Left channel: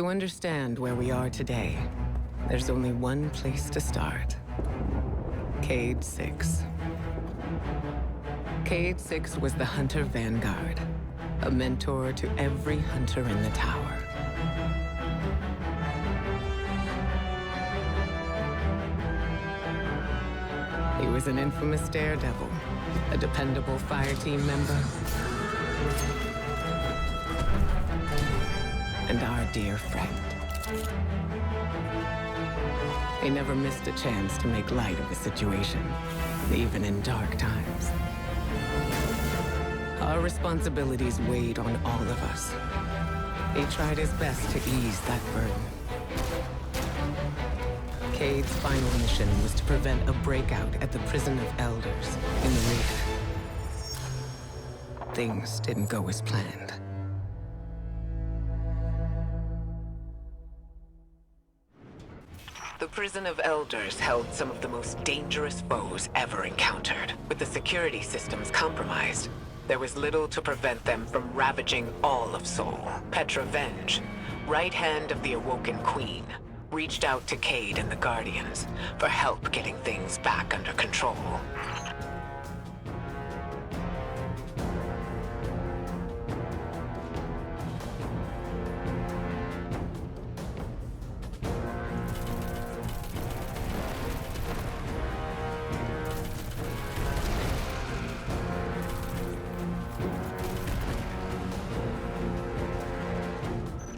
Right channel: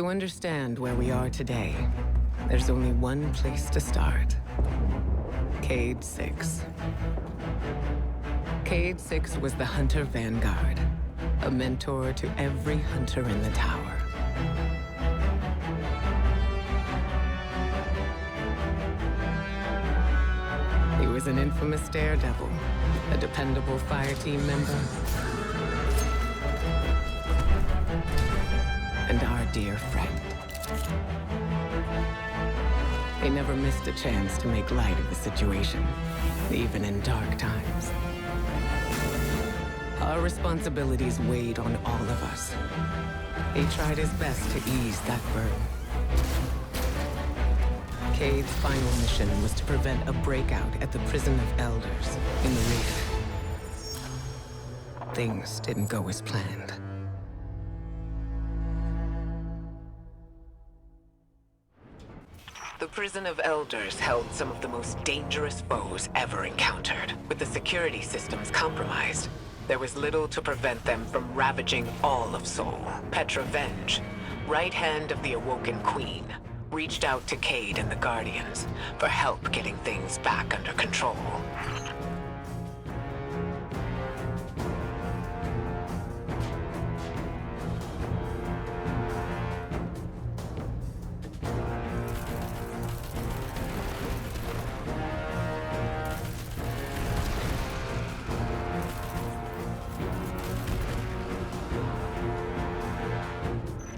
To understand where we are today, there's only one place to start. Cayde 6. Cayde 6 was the Hunter Vanguard, a mentor to every hunter in the tower. He was an infamous daredevil, a dependable fire team member, and our dear friend. He never missed a chance to make light of the situation, even in dark times. Our responsibilities weighed on all of us. He tried his best to ease that burden. Cayde's final mission was to prevent a breakout at the Prison of Elders in the Reef. Things didn't go as planned. The Prison of Elders held some of the most dangerous foes ever encountered. With the security systems compromised, there was little to prevent them from ravaging all of Sol. Petra Venge, right hand of the Awoken Queen, reached out to Cayde and the Guardians for help getting things back under control.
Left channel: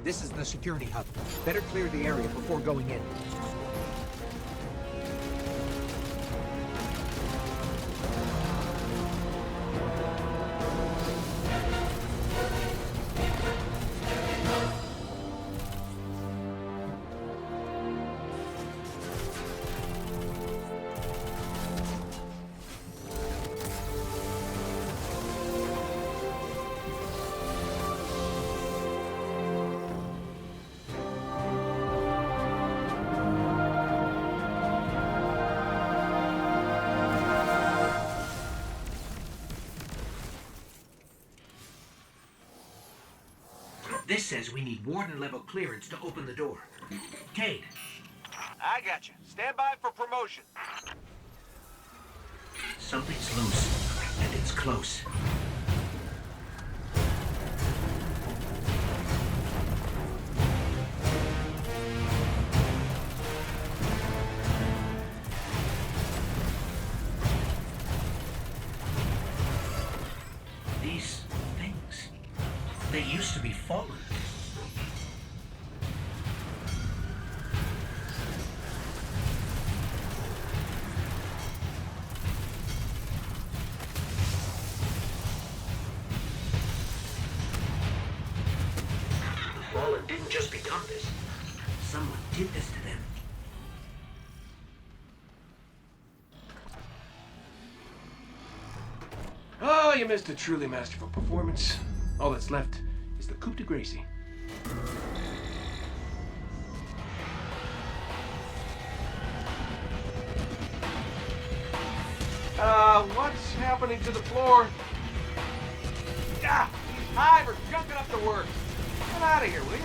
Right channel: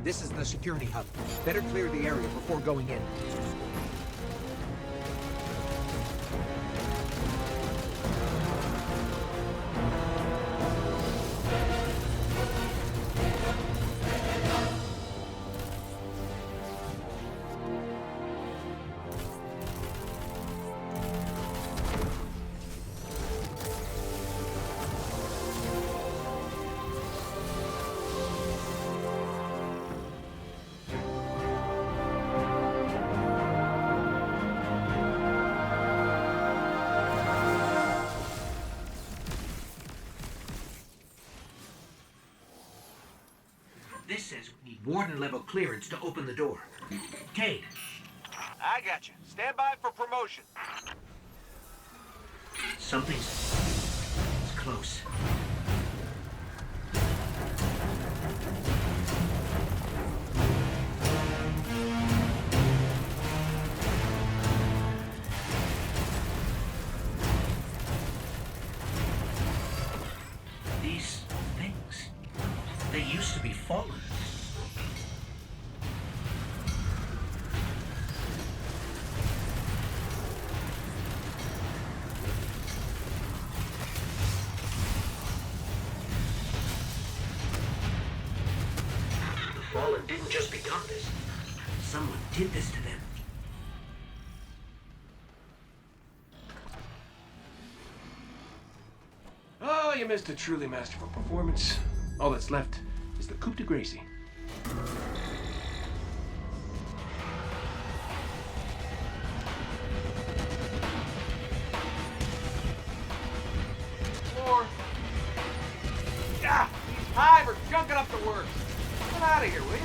This is the security hub. Better clear the area before going in. This says we need warden-level clearance to open the door. Cayde. I got you. Stand by for promotion. Something's loose, and it's close. These things, they used to be fallen. The fallen didn't just become this. Someone did this to them. Oh, you missed a truly masterful performance. All that's left is the coup de grace. What's happening to the floor? Ah, these hive are junking up the works. Get out of here, will you?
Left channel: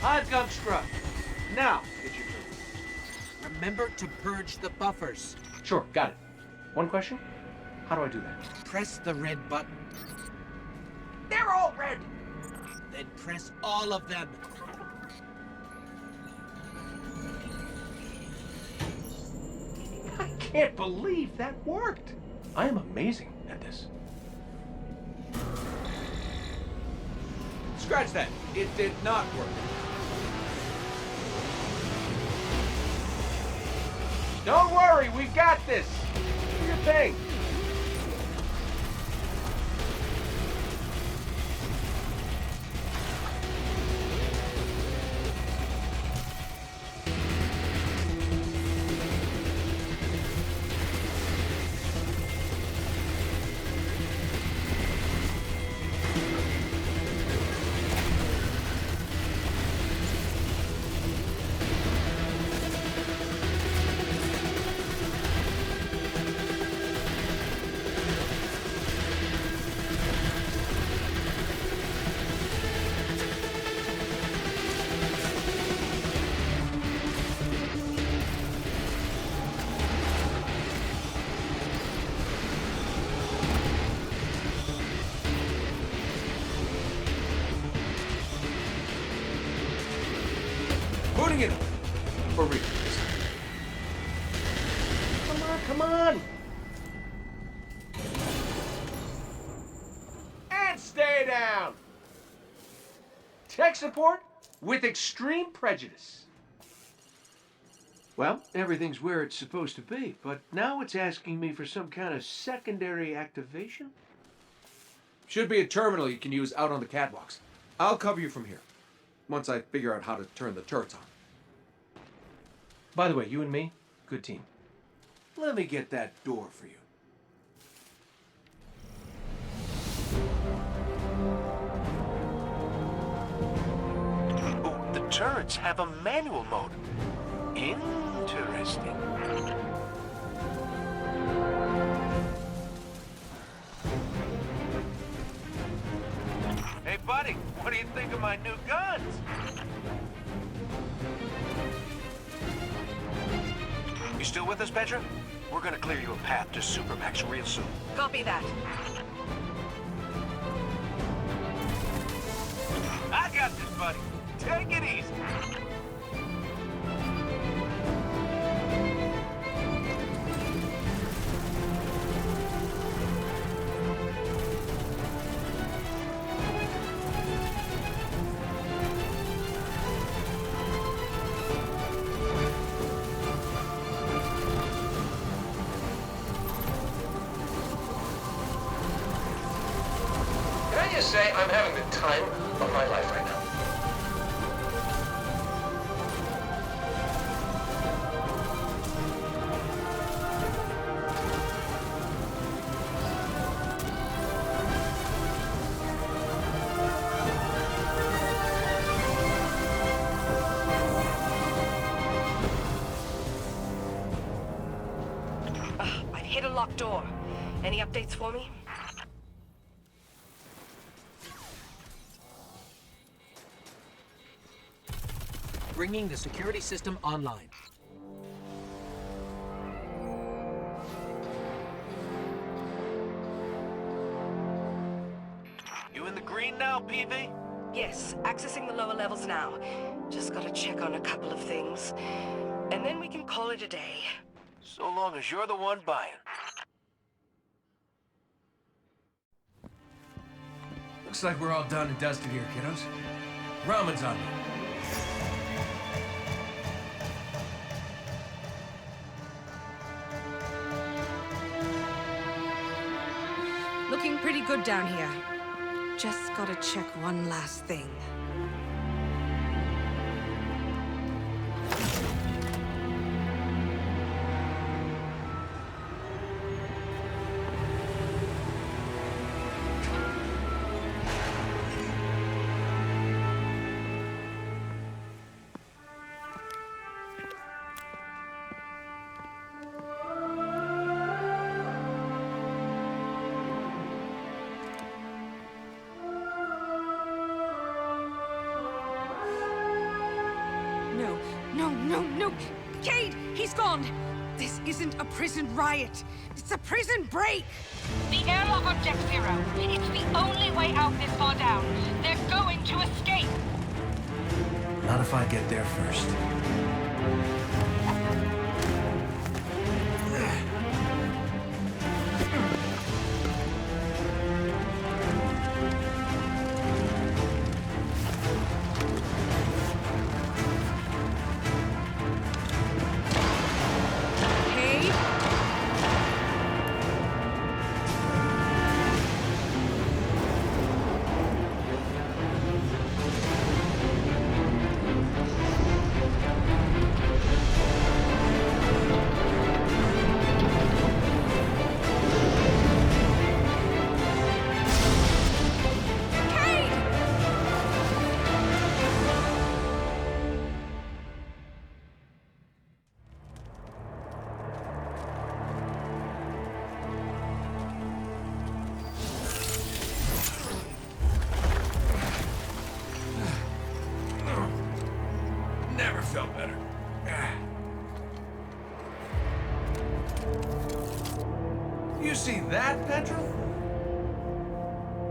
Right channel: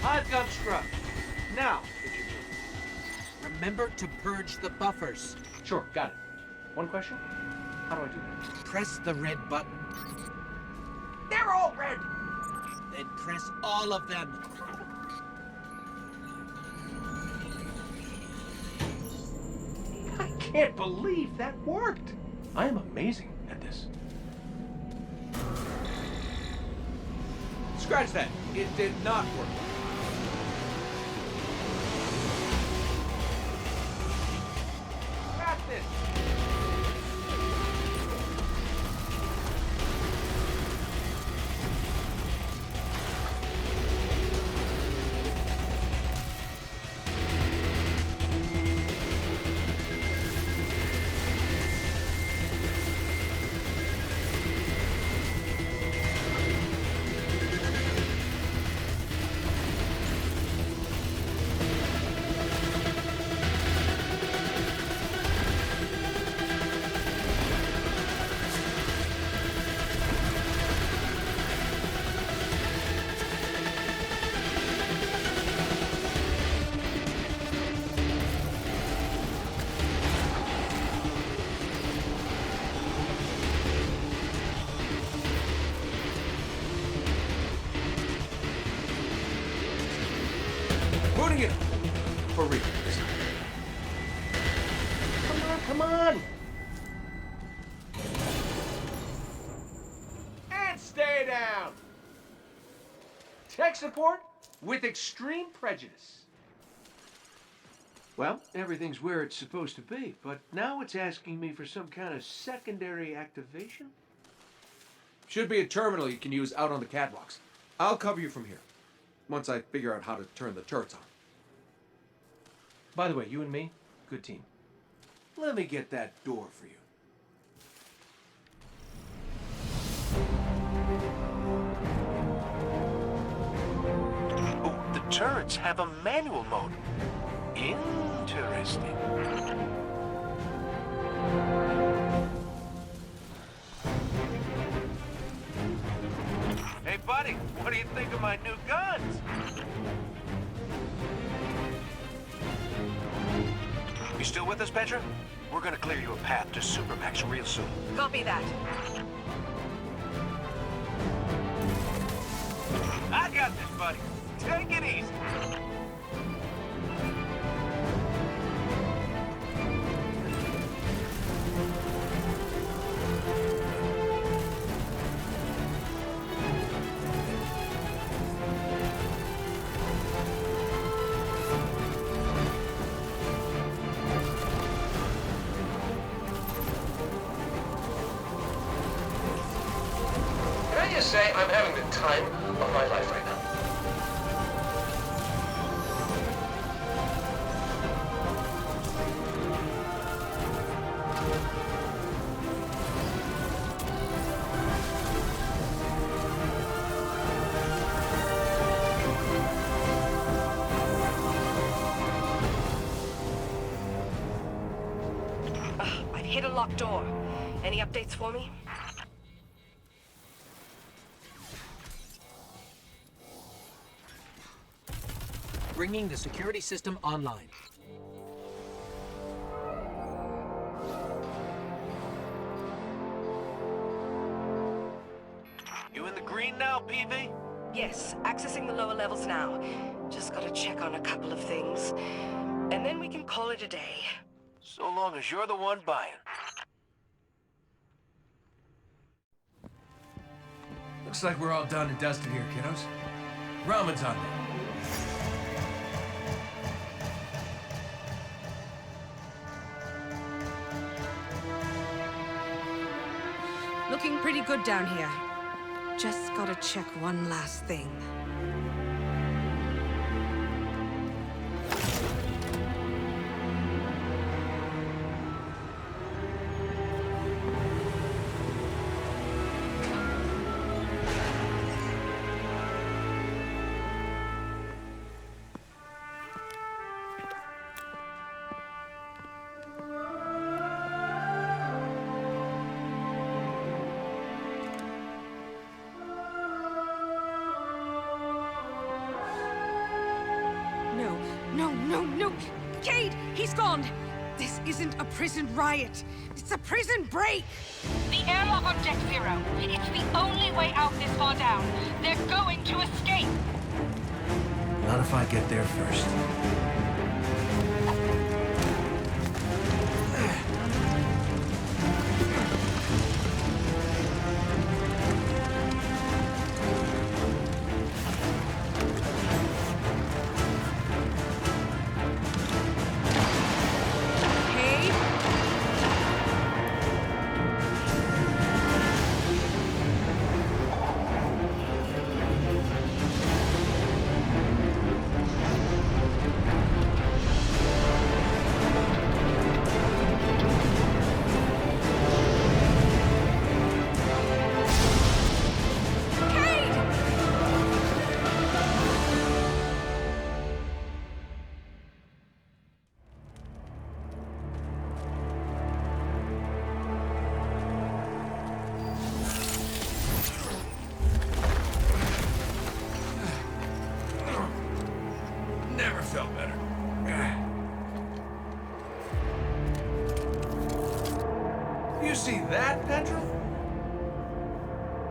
Hive gum scrub. Now, it's your turn. Remember to purge the buffers. Sure, got it. One question? How do I do that? Press the red button. They're all red! Then press all of them. I can't believe that worked. I am amazing at this. Scratch that. It did not work. Don't worry, we got this. Do your thing. Bring it up. For real this time. Come on, come on! And stay down! Tech support with extreme prejudice. Well, everything's where it's supposed to be, but now it's asking me for some kind of secondary activation? Should be a terminal you can use out on the catwalks. I'll cover you from here, once I figure out how to turn the turrets on. By the way, you and me, good team. Let me get that door for you. Oh, the turrets have a manual mode. Interesting. Hey, buddy, what do you think of my new guns? You still with us, Petra? We're gonna clear you a path to Supermax real soon. Copy that. I got this, buddy. Take it easy. Can I just say I'm having the time of my life right now? I've hit a locked door. Any updates for me? Bringing the security system online. You in the green now, PV? Yes, accessing the lower levels now. Just gotta check on a couple of things. And then we can call it a day. So long as you're the one buying. Looks like we're all done and dusted here, kiddos. Ramen's on me. Looking pretty good down here. Just gotta check one last thing. No! Cayde! He's gone! This isn't a prison riot. It's a prison break! The airlock on Deck Zero. It's the only way out this far down. They're going to escape. Not if I get there first. Cayde? Cayde! Never felt better. You see that, Petra?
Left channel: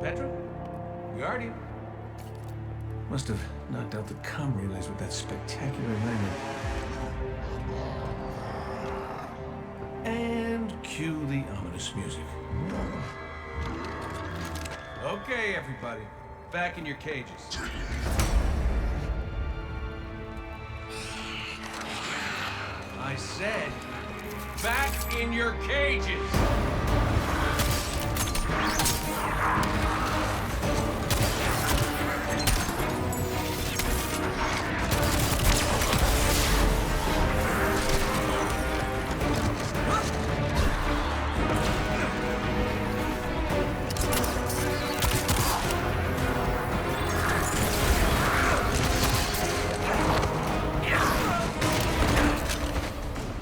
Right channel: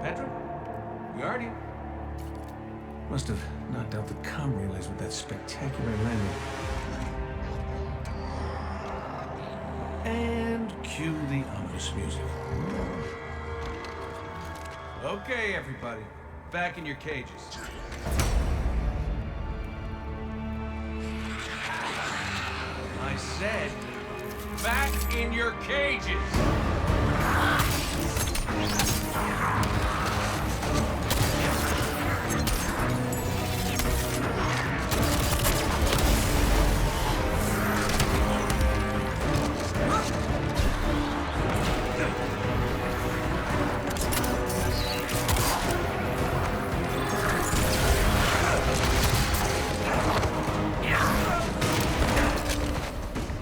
Petra? Guardian? Must have knocked out the comm relays with that spectacular landing. And cue the ominous music. Okay, everybody. Back in your cages. I said, back in your cages!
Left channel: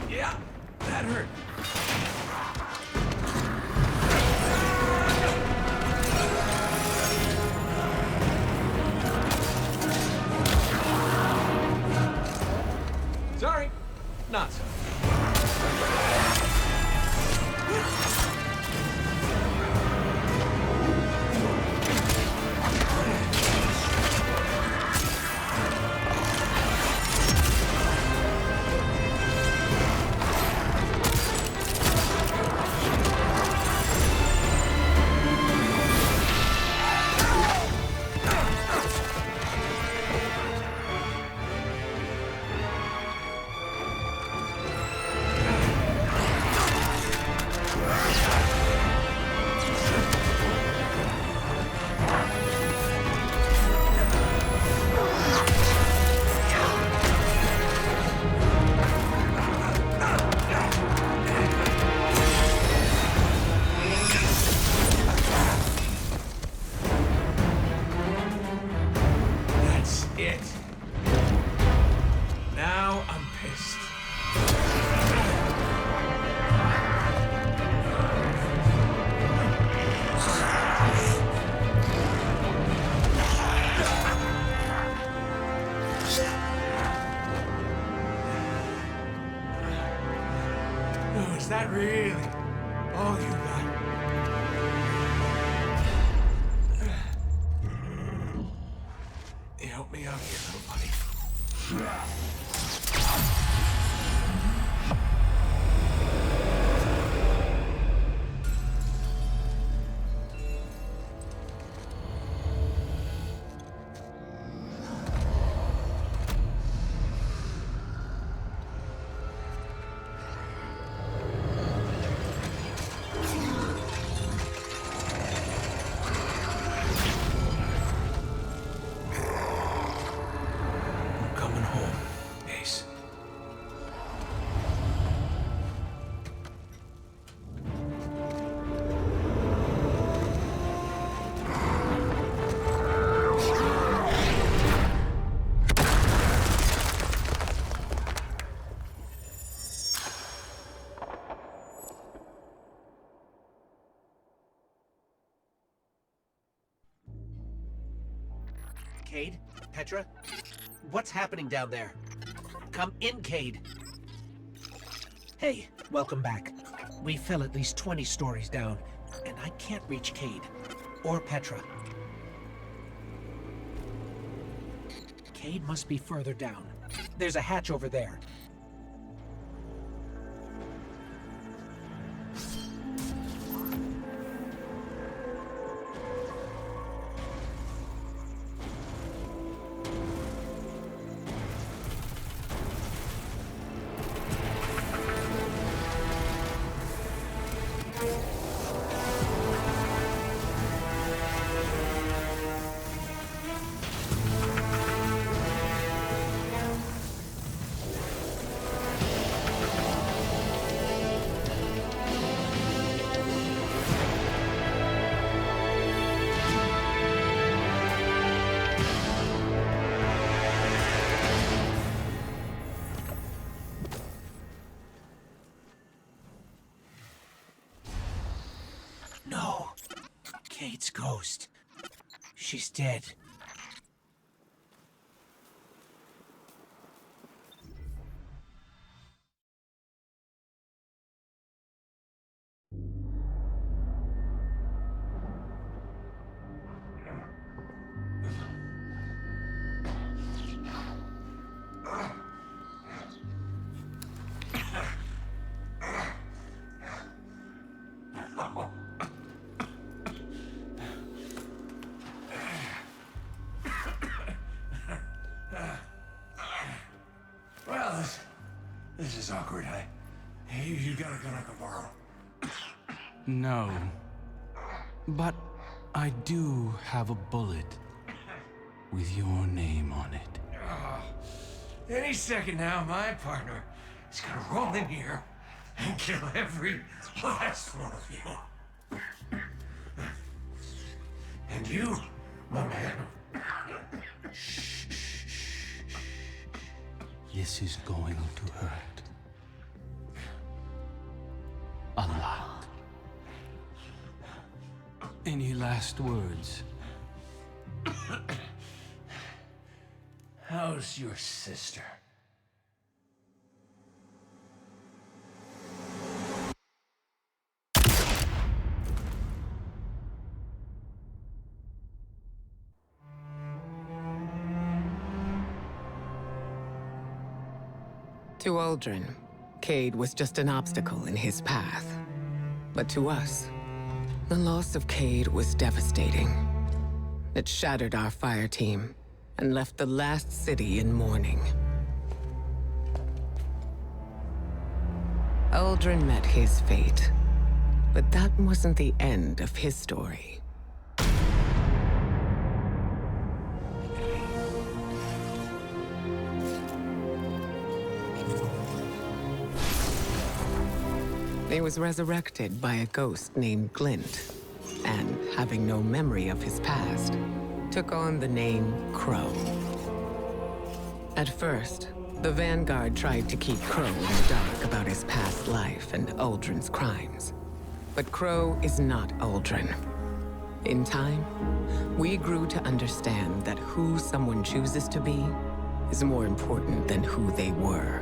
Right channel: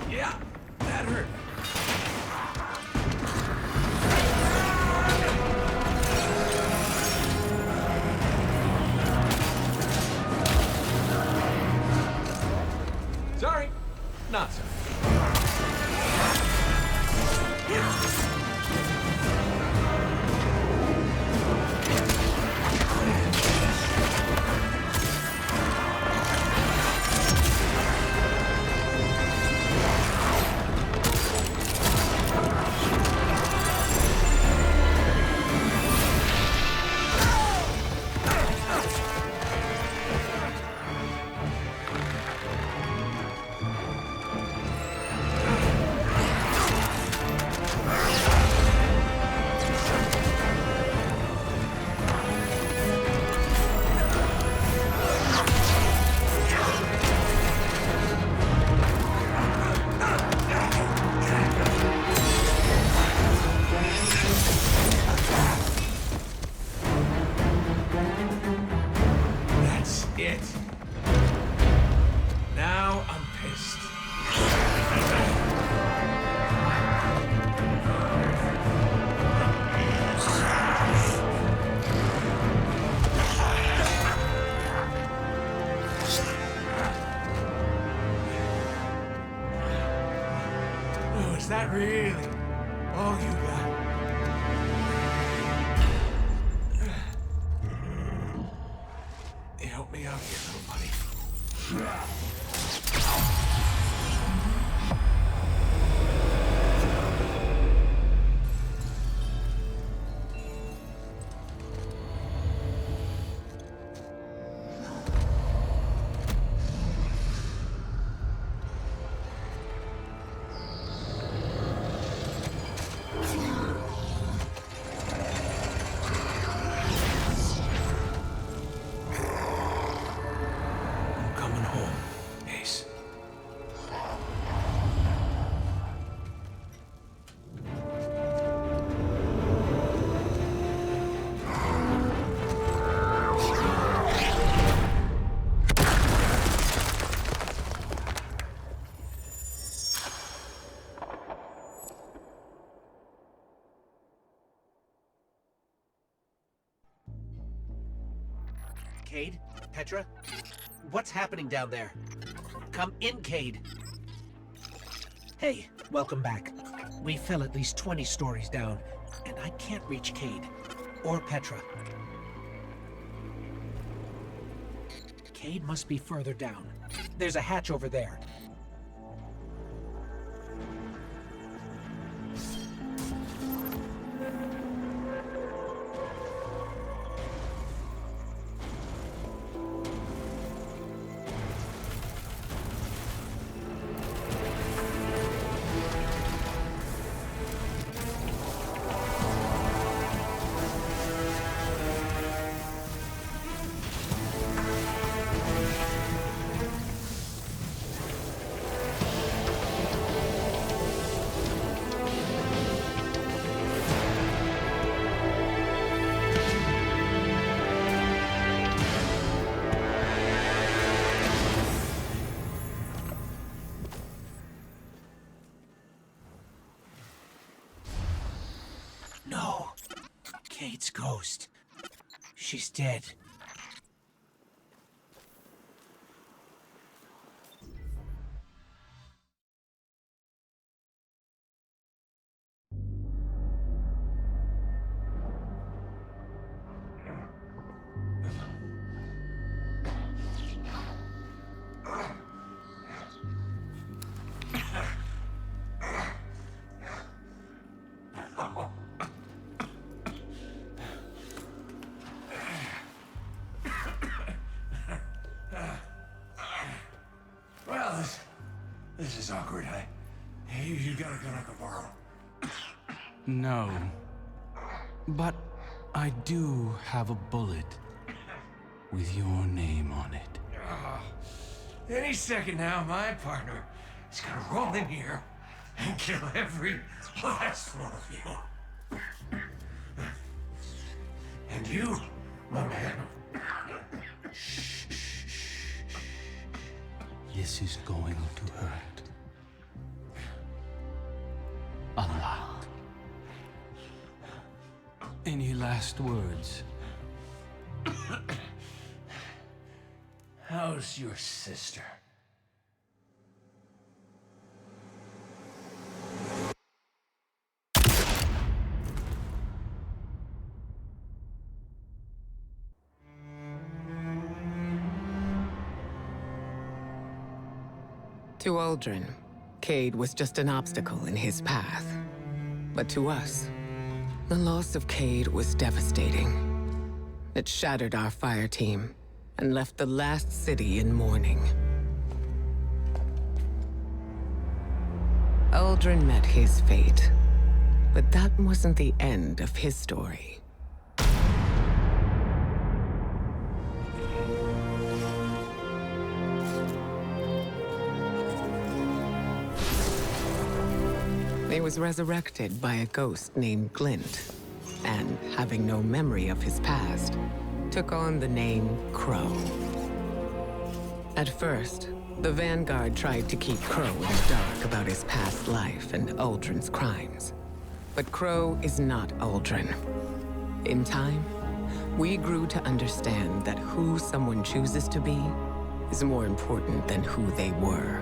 Yeah, that hurt. Sorry, not sorry. That's it. Now I'm pissed. Oh, is that really all you got? You help me out here, little buddy. I'm coming home, Ace. Cayde? Petra? What's happening down there? Come in, Cayde. Hey, welcome back. We fell at least 20 stories down, and I can't reach Cayde. Or Petra. Cayde must be further down. There's a hatch over there. No. Cayde's ghost. She's dead. is awkward. You got a gun I can borrow? No. But I do have a bullet with your name on it. Any second now, my partner is gonna roll in here and kill every last one of you. And you, my man. This is going to hurt. A lot. Any last words? How's your sister? To Aldrin, Cayde was just an obstacle in his path. But to us, the loss of Cayde was devastating. It shattered our fire team and left the last city in mourning. Aldrin met his fate, but that wasn't the end of his story. He was resurrected by a ghost named Glint, and, having no memory of his past, took on the name Crow. At first, the Vanguard tried to keep Crow in the dark about his past life and Aldrin's crimes. But Crow is not Aldrin. In time, we grew to understand that who someone chooses to be is more important than who they were.